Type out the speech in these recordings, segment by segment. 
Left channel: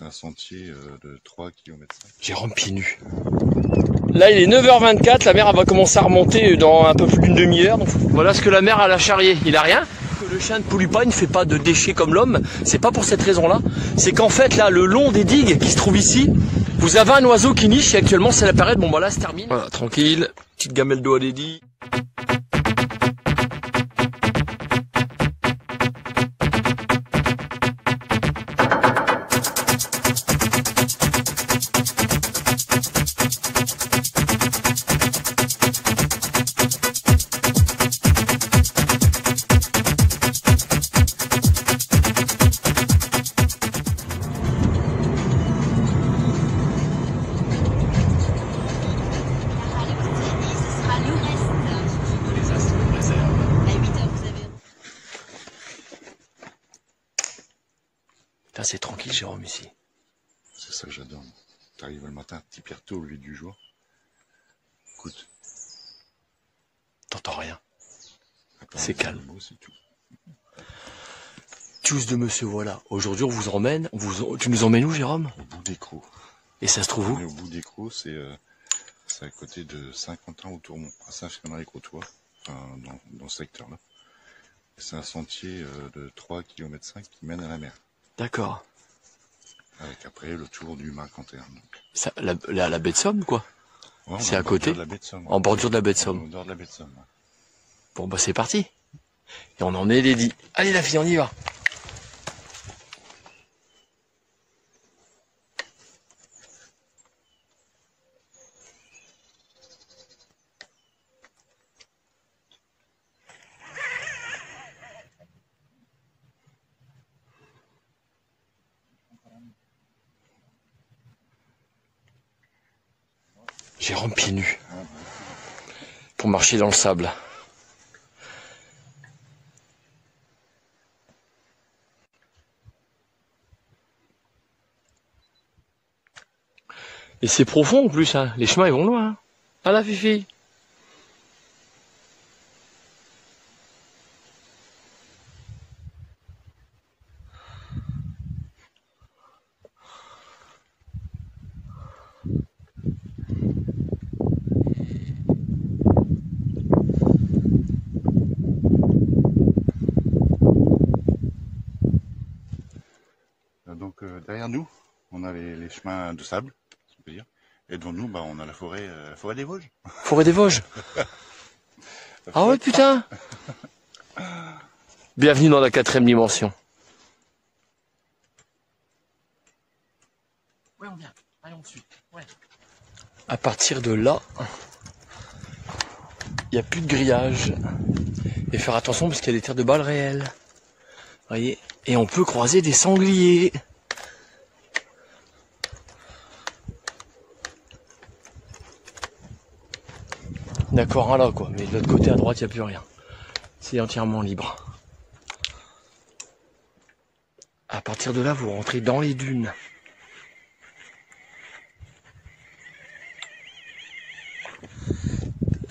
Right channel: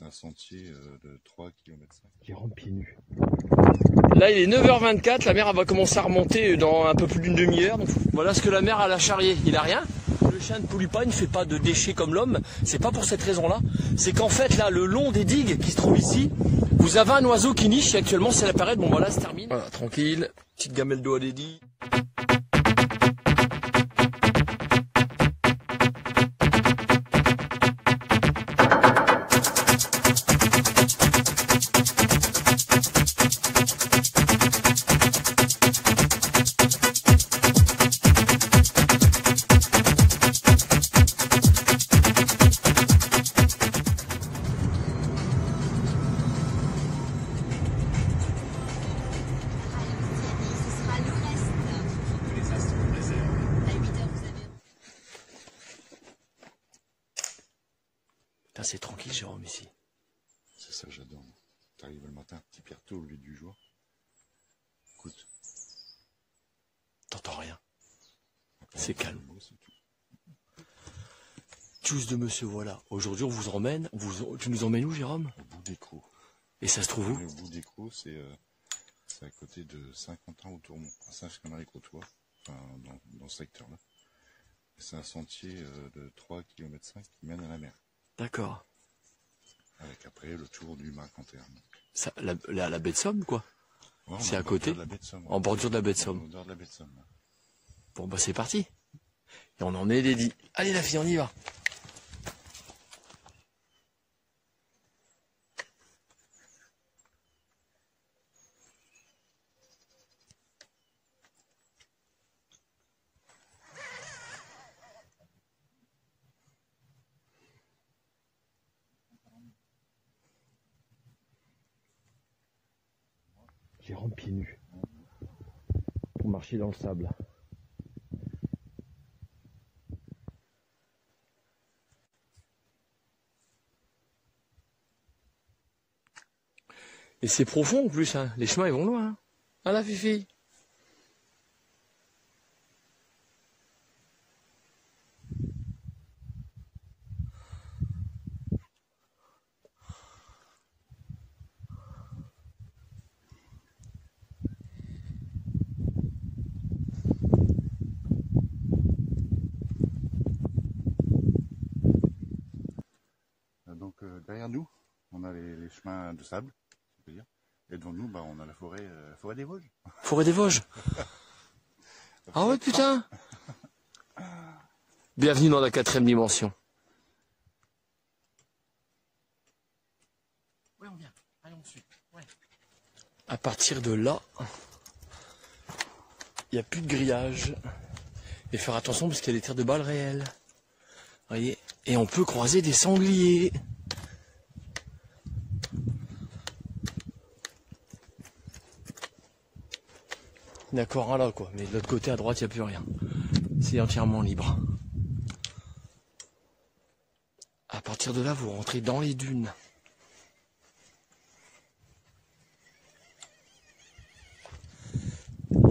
C'est un sentier de 3 km. Jérôme pieds nus. Là il est 9h24, la mer elle va commencer à remonter dans un peu plus d'une demi-heure. Voilà ce que la mer a charrié. Il a rien. Le chien ne pollue pas, il ne fait pas de déchets comme l'homme. C'est pas pour cette raison-là. C'est qu'en fait là, le long des digues qui se trouvent ici, vous avez un oiseau qui niche et actuellement c'est la période. Bon voilà, se termine. Voilà, tranquille. Petite gamelle d'eau à Lady. C'est tranquille, Jérôme, ici. C'est ça que j'adore. T'arrives le matin, petit pierre tôt au lieu du jour. Écoute. T'entends rien. C'est calme. C'est tout. Tous de monsieur, voilà. Aujourd'hui, on vous emmène. Tu nous emmènes où, Jérôme? Au bout des Crocs. Et ça se trouve où? Au bout des Crocs, c'est à côté de Saint-Quentin au Tourmont, à Saint-Firmin-les-Crotois, enfin, dans ce secteur-là. C'est un sentier de 3 km 5 qui mène à la mer. D'accord. Avec après le tour du Marcanterre. Ça, la baie de Somme, quoi. Ouais, c'est à côté. En bordure de la baie de Somme. En bordure de la baie de Somme. Ouais. Bon bah c'est parti. Et on en est Lady. Allez la fille, on y va. Jérôme pieds nus pour marcher dans le sable. Et c'est profond en plus, hein. Les chemins ils vont loin. Hein. Ah la fifi. Donc derrière nous, on a les chemins de sable, si on peut dire. Et devant nous, bah, on a la forêt des Vosges. Forêt des Vosges. Ah ouais putain. Bienvenue dans la 4e dimension. Ouais on vient, allez on suit. Ouais. À partir de là, il n'y a plus de grillage. Et faire attention parce qu'il y a des tirs de balles réelles. Voyez. Et on peut croiser des sangliers. D'accord, là quoi, mais de l'autre côté à droite il n'y a plus rien. C'est entièrement libre. À partir de là, vous rentrez dans les dunes.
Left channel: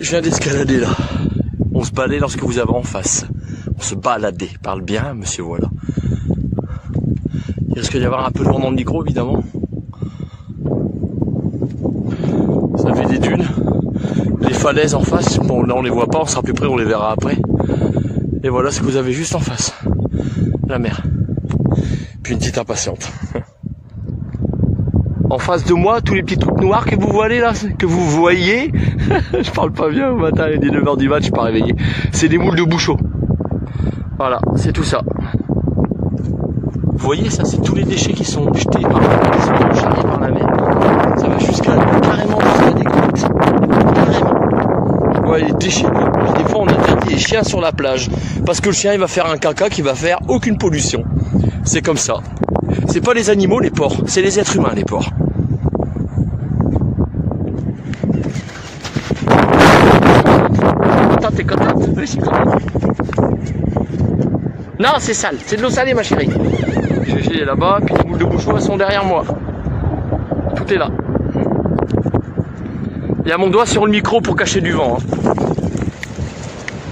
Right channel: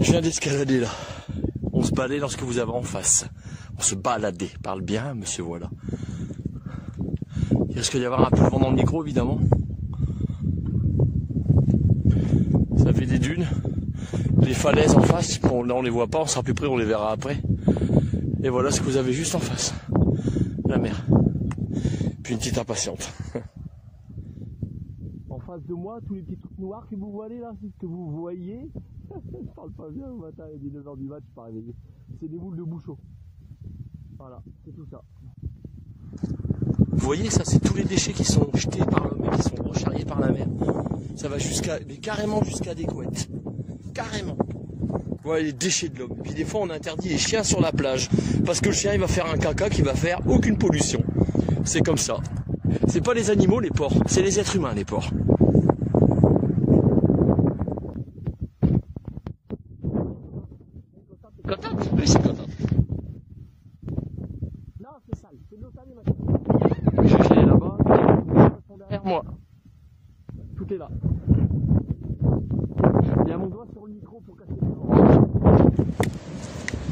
Je viens d'escalader là. On se baladait lorsque vous avez en face. On se baladait, parle bien, monsieur, voilà. Il risque d'y avoir un peu lourd dans le micro, évidemment. Ça fait des dunes. Les falaises en face, bon là on les voit pas, on sera plus près, on les verra après. Et voilà ce que vous avez juste en face. La mer. Puis une petite impatiente. En face de moi, tous les petits trucs noirs que vous voyez là, que vous voyez, je parle pas bien au matin, il est 9h du mat, je suis pas réveillé. C'est des moules de bouchot. Voilà, c'est tout ça. Vous voyez, ça c'est tous les déchets qui sont jetés par la mer, qui sont charriés par la mer. Ça va carrément jusqu'à des côtes. Carrément. Ouais, les déchets. Des fois on interdit les chiens sur la plage. Parce que le chien il va faire un caca qui va faire aucune pollution. C'est comme ça. C'est pas les animaux les porcs, c'est les êtres humains les porcs. Attends, t'es contente? Oui, je suis contente. Non, c'est sale, c'est de l'eau salée ma chérie. J'ai là-bas, puis les boules de bouchon elles sont derrière moi. Tout est là. Il y a mon doigt sur le micro pour cacher du vent. Hein.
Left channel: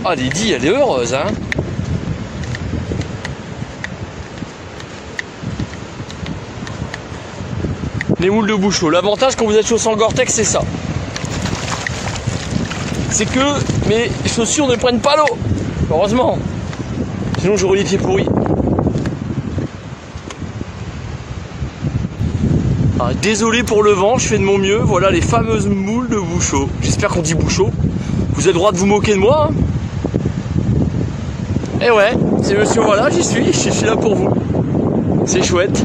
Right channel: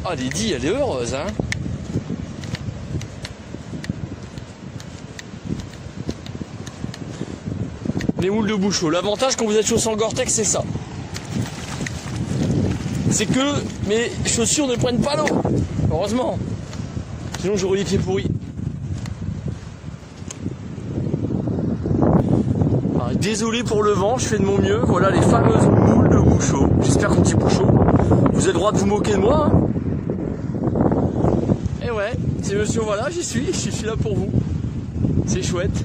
Ah, Lady, elle est heureuse, hein. les moules de Bouchot. L'avantage quand vous êtes chaussé en Gore-Tex, c'est ça. C'est que mes chaussures ne prennent pas l'eau. Heureusement. Sinon j'aurais les pieds pourris. Ah, désolé pour le vent, je fais de mon mieux. Voilà les fameuses moules de Bouchot. J'espère qu'on dit Bouchot. Vous avez le droit de vous moquer de moi, hein. Et ouais, c'est monsieur, voilà, j'y suis là pour vous. C'est chouette.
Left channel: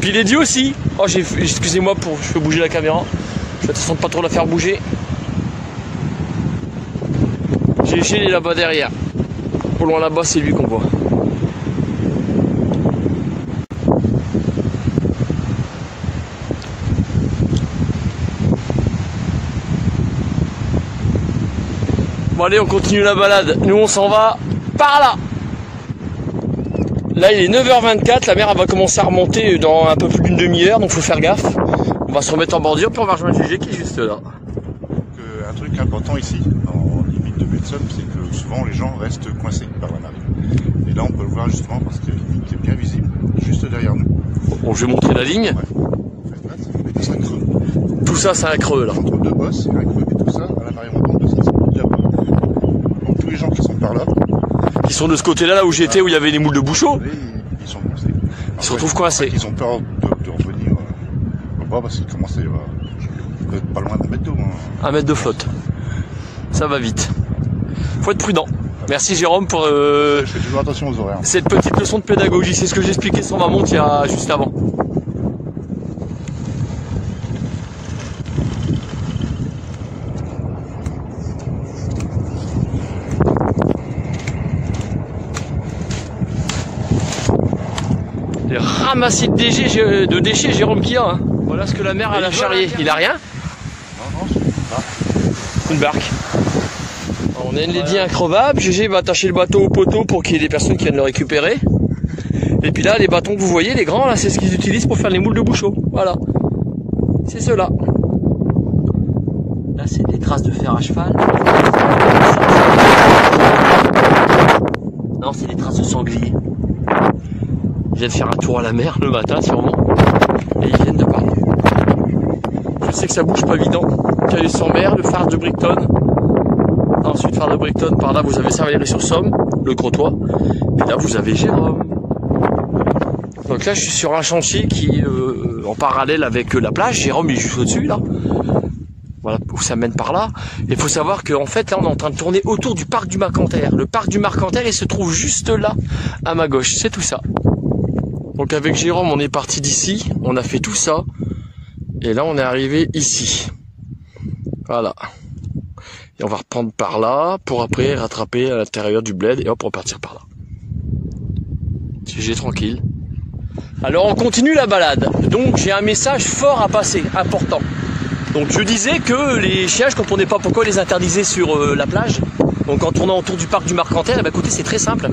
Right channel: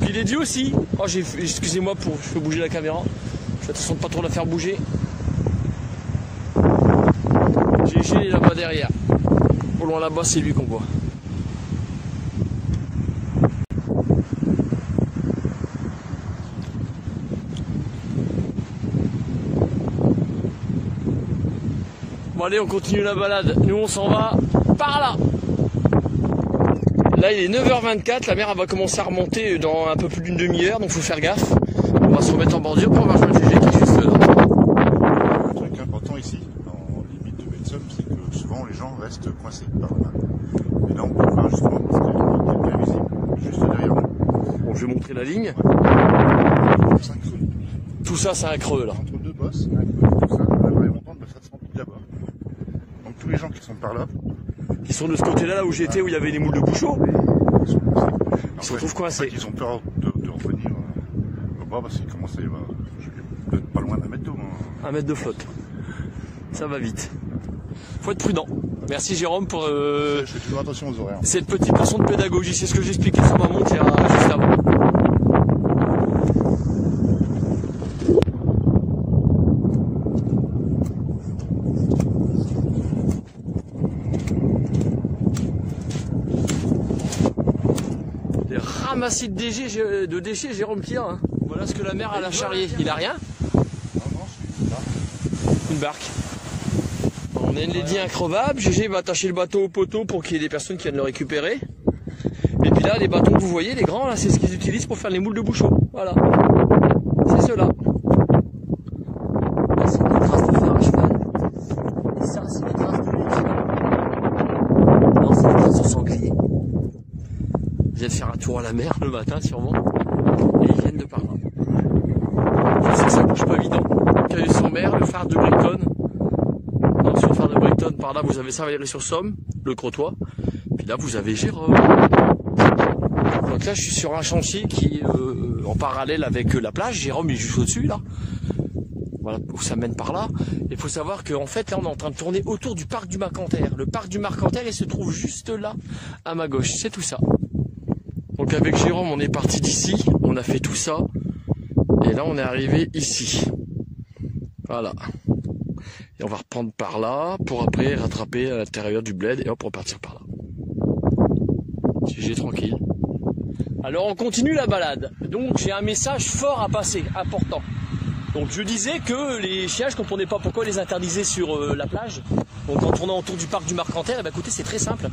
Puis les dieux aussi. Oh, excusez-moi pour, je fais bouger la caméra. Je vais attention de pas trop la faire bouger. J'ai Gilles là-bas derrière. Au loin là-bas, c'est lui qu'on voit. Bon allez, on continue la balade. Nous on s'en va par là. Là il est 9h24, la mer elle va commencer à remonter dans un peu plus d'une demi-heure, donc faut faire gaffe. On va se remettre en bordure puis on va rejoindre GG qui est juste là. Un truc important ici, en limite de Betson, c'est que souvent les gens restent coincés par la mer. Et là on peut le voir justement parce que c'est bien visible, juste derrière nous. Bon, je vais montrer la ligne. Ouais. C'est un creux. Tout ça c'est un creux là. Entre deux bosses, il y a un creux et tout ça, la vraie montante de ça, c'est tout là-bas. Donc tous les gens qui sont par là, Ils sont de ce côté-là, là où j'étais, où il y avait les moules de Bouchot. ils sont coincés. Ils se retrouvent coincés. Ils ont peur de revenir là-bas parce qu'ils commençaient peut-être pas loin d'un mètre d'eau. Un mètre de flotte. Ça va vite. Faut être prudent. Merci Jérôme pour Je fais toujours attention aux horaires. cette petite leçon de pédagogie. C'est ce que j'expliquais sur ma montre il y a juste avant. Les ramassis de déchets Jérôme Pia. Hein. Voilà ce que la mer a la charrier. Il a rien? Une barque. On a une lady increvable. GG va attacher le bateau au poteau pour qu'il y ait des personnes qui viennent le récupérer. Et puis là, les bâtons que vous voyez, les grands, là, c'est ce qu'ils utilisent pour faire les moules de Bouchot. Voilà. C'est ceux-là. Là, c'est des traces de fer à cheval. Non, c'est des traces de sanglier. Ils viennent faire un tour à la mer le matin, sûrement. Et ils viennent de par là. Je sais que ça bouge pas évident. Caillus sans mer, le phare de Brighton. Ensuite, phare de Brighton, par là, vous avez Saint-Valery-sur-Somme, le Crotoy. Puis là, vous avez Jérôme. Donc là, je suis sur un chantier qui est en parallèle avec la plage. Jérôme, il est juste au-dessus, là. Voilà où ça mène par là. Il faut savoir qu'en fait, là, on est en train de tourner autour du parc du Marcanterre. Le parc du Marcanterre, il se trouve juste là, à ma gauche. C'est tout ça. Donc avec Jérôme, on est parti d'ici. On a fait tout ça. Et là, on est arrivé ici. Voilà. Et on va reprendre par là pour après rattraper à l'intérieur du bled et hop, repartir par là. GG tranquille. Alors on continue la balade. Donc j'ai un message fort à passer, important. Donc je disais que les chiens, je comprenais pas pourquoi ils les interdisaient sur la plage. Donc en tournant autour du parc du Marcanterre, eh ben, écoutez, c'est très simple.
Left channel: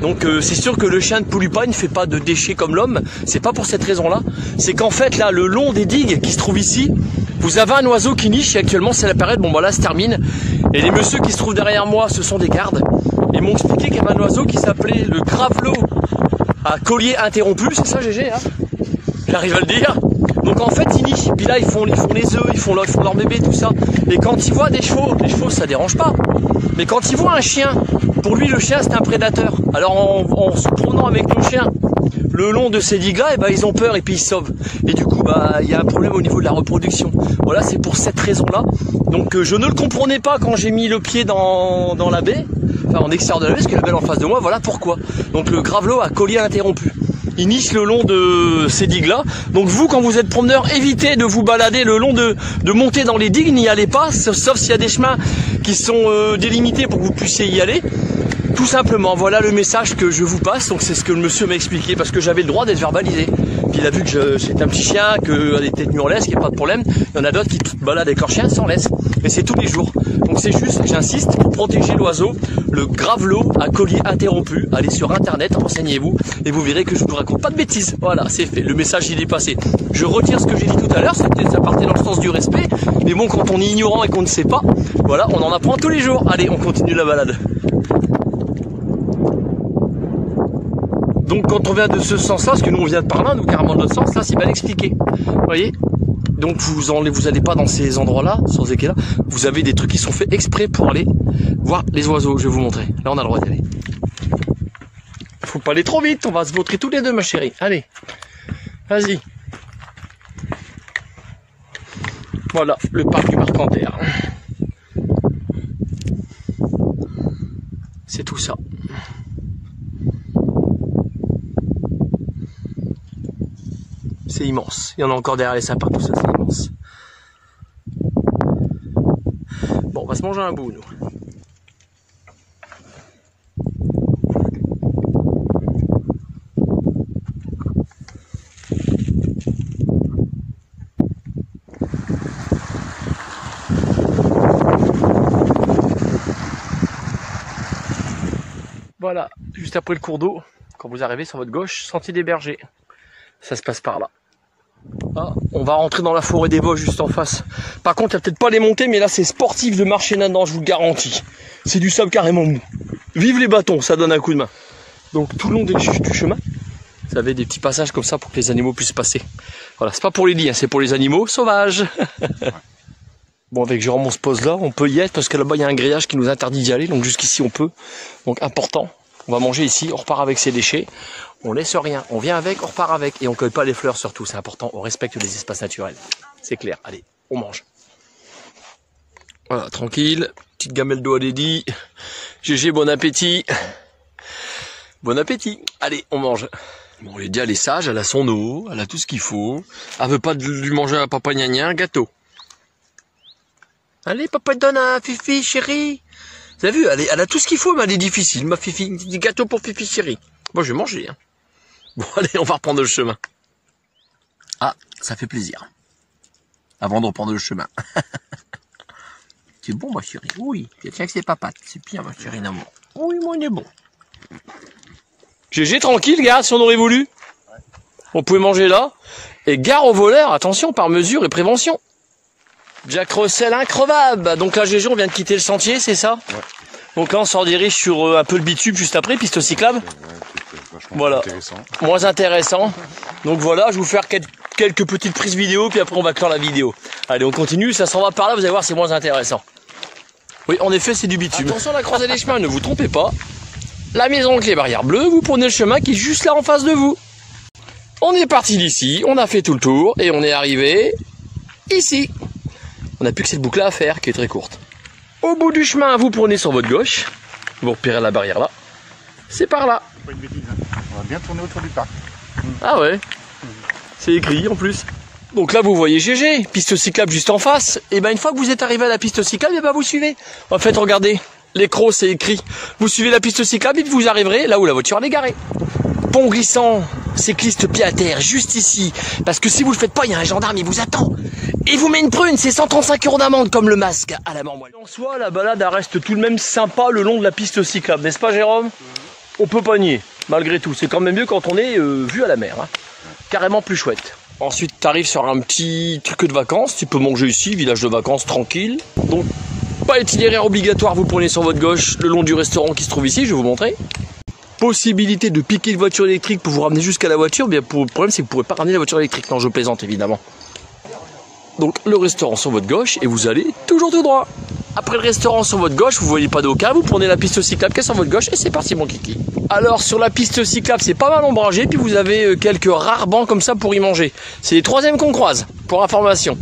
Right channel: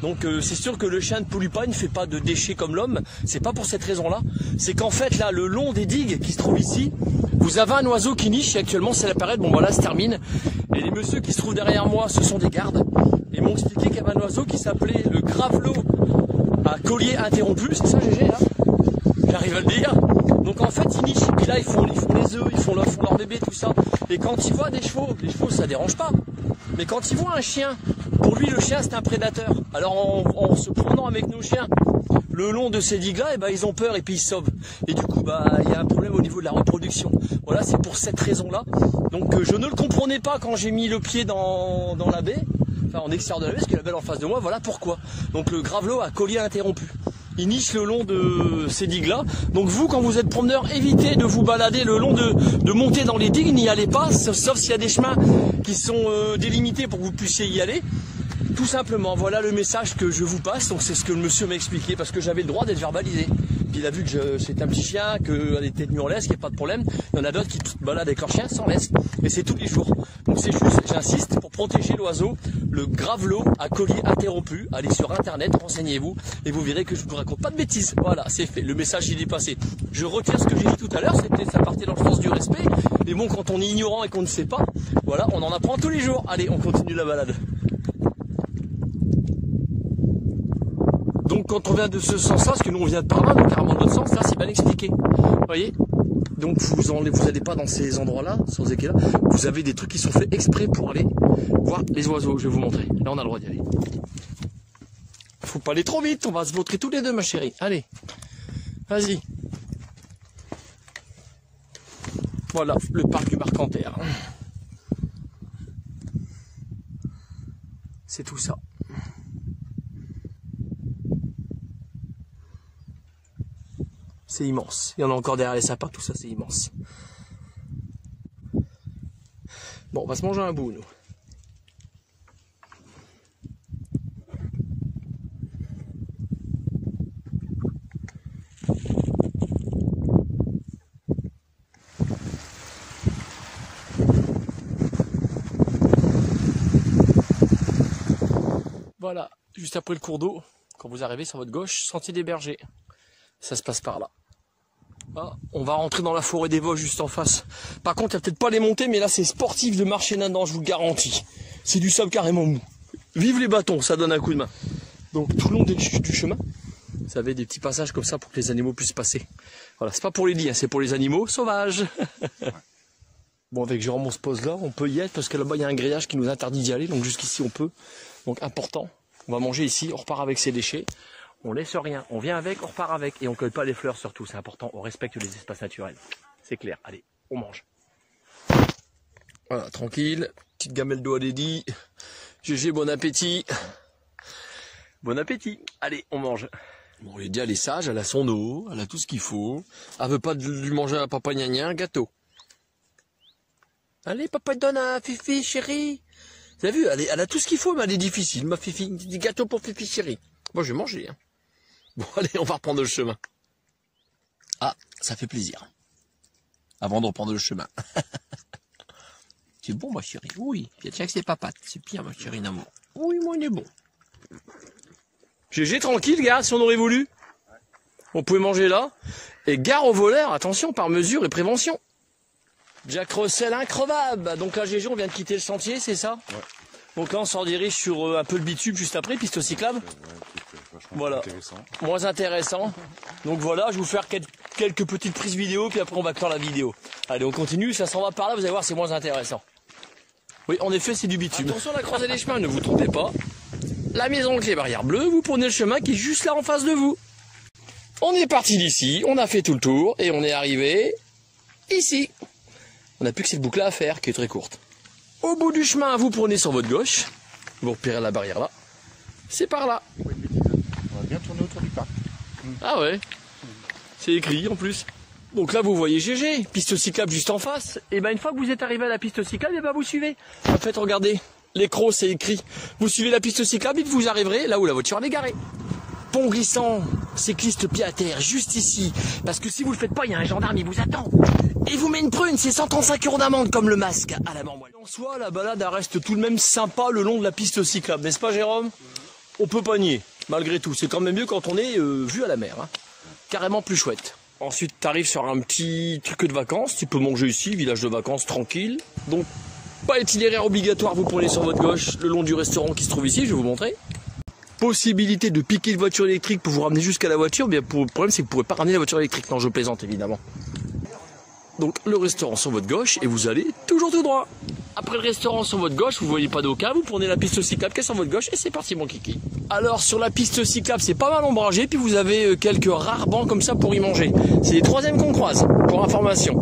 Donc c'est sûr que le chien ne pollue pas, il ne fait pas de déchets comme l'homme. C'est pas pour cette raison-là. C'est qu'en fait là, le long des digues qui se trouvent ici, vous avez un oiseau qui niche et actuellement c'est la période. Bon voilà, se termine. Et les messieurs qui se trouvent derrière moi, ce sont des gardes. Ils m'ont expliqué qu'il y avait un oiseau qui s'appelait le gravelot à collier interrompu. C'est ça GG, hein? J'arrive à le dire. Donc en fait ils nichent. Puis là ils font les œufs, ils font leur bébé, tout ça. Et quand ils voient des chevaux ça dérange pas. Mais quand ils voient un chien, pour lui le chien c'est un prédateur. Alors en se promenant avec le chien le long de ces digues là, et ben, ils ont peur et puis ils se sauvent. Et du coup bah il y a un problème au niveau de la reproduction. Voilà, c'est pour cette raison là. Donc je ne le comprenais pas quand j'ai mis le pied dans la baie, enfin en extérieur de la baie, parce que la baie en face de moi, voilà pourquoi. Donc le gravelot à collier interrompu. Il niche le long de ces digues là. Donc vous quand vous êtes promeneur, évitez de vous balader le long de monter dans les digues, n'y allez pas, sauf s'il y a des chemins qui sont délimités pour que vous puissiez y aller. Tout simplement, voilà le message que je vous passe. Donc c'est ce que le monsieur m'a expliqué parce que j'avais le droit d'être verbalisé. Puis il a vu que j'étais un petit chien, que des têtes nues en laisse, qu'il n'y a pas de problème. Il y en a d'autres qui baladent avec leur chien sans laisse. Mais c'est tous les jours. Donc c'est juste, j'insiste, pour protéger l'oiseau, le gravelot à collier interrompu. Allez sur internet, renseignez-vous et vous verrez que je ne vous raconte pas de bêtises. Voilà, c'est fait. Le message il est passé. Je retire ce que j'ai dit tout à l'heure, ça partait dans le sens du respect. Mais bon, quand on est ignorant et qu'on ne sait pas, voilà, on en apprend tous les jours. Allez, on continue la balade. Donc quand on vient de ce sens-là, parce que nous on vient de par là, donc carrément de notre sens, là c'est bien expliqué. Vous voyez ? Donc vous allez pas dans ces endroits-là, sur ces quais-là. Vous avez des trucs qui sont faits exprès pour aller voir les oiseaux. Je vais vous montrer. Là, on a le droit d'y aller. Faut pas aller trop vite, on va se vautrer tous les deux, ma chérie. Allez, vas-y. Voilà, le parc du Marcanterre. C'est tout ça. C'est immense. Il y en a encore derrière les sapins, tout ça, c'est immense. Bon, on va se manger un bout, nous. Voilà, juste après le cours d'eau, quand vous arrivez sur votre gauche, sentier des bergers. Ça se passe par là. Ah, on va rentrer dans la forêt des Vosges juste en face. Par contre, il n'y a peut-être pas les montées, mais là c'est sportif de marcher là-dedans, je vous le garantis. C'est du sable carrément mou. Vive les bâtons, ça donne un coup de main. Donc tout le long du chemin, vous avez des petits passages comme ça pour que les animaux puissent passer. Voilà, c'est pas pour les lits, hein, c'est pour les animaux sauvages. Bon, avec Jérôme on se pose là, on peut y être parce que là-bas il y a un grillage qui nous interdit d'y aller, donc jusqu'ici on peut. Donc important, on va manger ici, on repart avec ses déchets. On laisse rien, on vient avec, on repart avec. Et on ne cueille pas les fleurs surtout, c'est important, on respecte les espaces naturels. C'est clair, allez, on mange. Voilà, tranquille, petite gamelle d'eau à Lady. GG, bon appétit. Bon appétit, allez, on mange. Bon, Lady, elle est sage, elle a son eau, elle a tout ce qu'il faut. Elle veut pas lui manger à papa gna un gâteau. Allez, papa te donne un Fifi, chérie. Vous avez vu, elle a tout ce qu'il faut, mais elle est difficile, ma Fifi. Des gâteaux pour Fifi, chérie. Moi, je vais manger, hein. Bon, allez, on va reprendre le chemin. Ah, ça fait plaisir. Avant de reprendre le chemin. C'est bon, ma chérie. Oui, tiens que c'est papates. C'est bien, ma chérie d'amour. Oui, moi, on est bon. GG, tranquille, gare, si on aurait voulu. On pouvait manger là. Et gare aux voleurs, attention, par mesure et prévention. Jack Russell increvable. Donc là, GG, on vient de quitter le sentier, c'est ça? Ouais. Donc là, on s'en dirige sur un peu le bitume juste après, piste cyclable. Voilà, moins intéressant. Donc voilà, je vais vous faire quelques petites prises vidéo, puis après on va clore la vidéo. Allez, on continue, ça s'en va par là, vous allez voir, c'est moins intéressant. Oui, en effet, c'est du bitume. Attention à la croisée des chemins, ne vous trompez pas. La maison avec les barrières bleues, vous prenez le chemin qui est juste là en face de vous. On est parti d'ici, on a fait tout le tour, et on est arrivé ici. On n'a plus que cette boucle-là à faire, qui est très courte. Au bout du chemin, vous prenez sur votre gauche, vous repérez la barrière là. C'est par là. On va bien tourner autour du parc. Ah ouais. C'est écrit en plus. Donc là vous voyez GG, piste cyclable juste en face. Et ben une fois que vous êtes arrivé à la piste cyclable, et ben vous suivez. En fait regardez, l'écran c'est écrit. Vous suivez la piste cyclable et vous arriverez là où la voiture est garée. Pont glissant, cycliste pied à terre, juste ici. Parce que si vous le faites pas, il y a un gendarme, il vous attend. Et vous met une prune, c'est 135 € d'amende comme le masque à la mort. En soi, la balade elle reste tout de même sympa le long de la piste cyclable, n'est-ce pas Jérôme? On peut pas nier, malgré tout. C'est quand même mieux quand on est vu à la mer. Hein. Carrément plus chouette. Ensuite, tu arrives sur un petit truc de vacances. Tu peux manger ici, village de vacances tranquille. Donc, pas itinéraire obligatoire, vous prenez sur votre gauche le long du restaurant qui se trouve ici, je vais vous montrer. Possibilité de piquer une voiture électrique pour vous ramener jusqu'à la voiture. Bien, le problème, c'est que vous ne pourrez pas ramener la voiture électrique. Non, je plaisante, évidemment. Donc, le restaurant sur votre gauche et vous allez toujours tout droit. Après le restaurant sur votre gauche, vous voyez pas d'aucun, vous prenez la piste cyclable qui est sur votre gauche et c'est parti mon kiki. Alors sur la piste cyclable, c'est pas mal ombragé, puis vous avez quelques rares bancs comme ça pour y manger. C'est les troisièmes qu'on croise, pour information.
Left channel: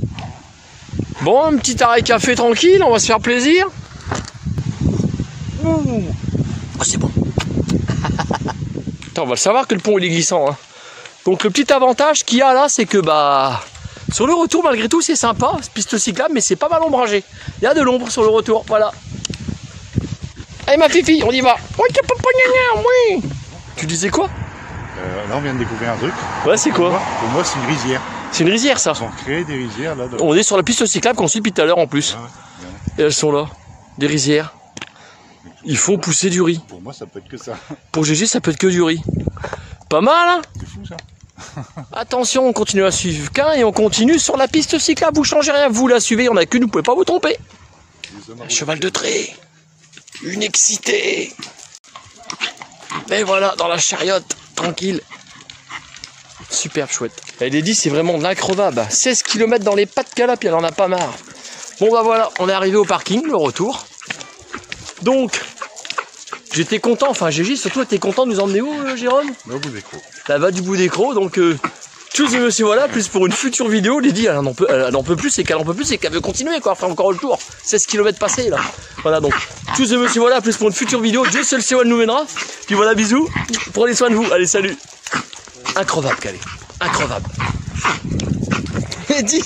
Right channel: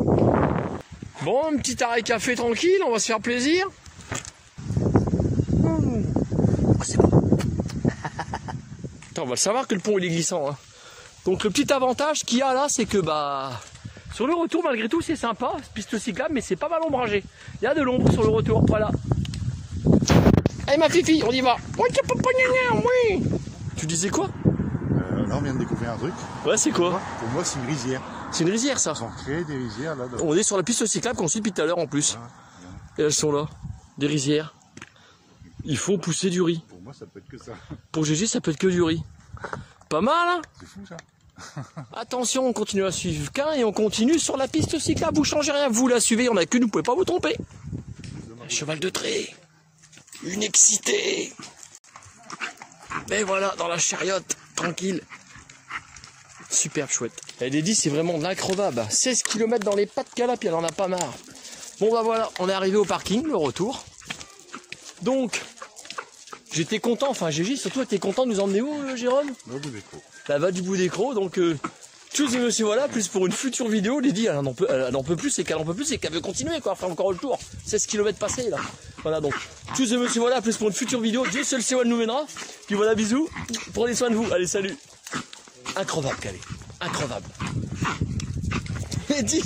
Bon, un petit arrêt café tranquille, on va se faire plaisir. Oh, c'est bon. Attends, on va le savoir que le pont il est glissant. Hein. Donc le petit avantage qu'il y a là, c'est que sur le retour, malgré tout, c'est sympa, piste cyclable, mais c'est pas mal ombragé. Il y a de l'ombre sur le retour, voilà. Allez ma fifi, on y va. Oui. Tu disais quoi? Là, on vient de découvrir un truc. Ouais, c'est quoi? Pour moi, c'est une rizière. C'est une rizière, ça. Ils ont créé des rizières là. On est sur la piste cyclable qu'on suit depuis tout à l'heure en plus. Ah ouais. Et elles sont là, des rizières. Il faut pousser du riz. Pour moi, ça peut être que ça. Pour GG, ça peut être que du riz. Pas mal, hein? C'est fou ça. Attention, on continue à suivre qu'un et on continue sur la piste cyclable. Vous changez rien, vous la suivez, il n'y en a qu'une, vous ne pouvez pas vous tromper. Un cheval de trait, une excitée. Et voilà, dans la chariote, tranquille. superbe chouette. Et Lady, c'est vraiment de l'increvable. 16 km dans les pattes qu'elle a, puis elle en a pas marre. Bon bah voilà, on est arrivé au parking, le retour. Donc, j'étais content, enfin Gégis, surtout t'es content de nous emmener où, Jérôme? Au bout des crocs. Ça va du bout des crocs, donc tous et monsieur voilà, plus pour une future vidéo, Lady, elle en peut plus, et qu'elle en peut plus, et qu'elle veut continuer, quoi, faire encore le tour. 16 km passés, là. Voilà, donc, tous et monsieur voilà, plus pour une future vidéo, Dieu seul sait où elle nous mènera. Puis voilà, bisous, prenez soin de vous, allez, salut. Increvable, Calais, increvable. Lady.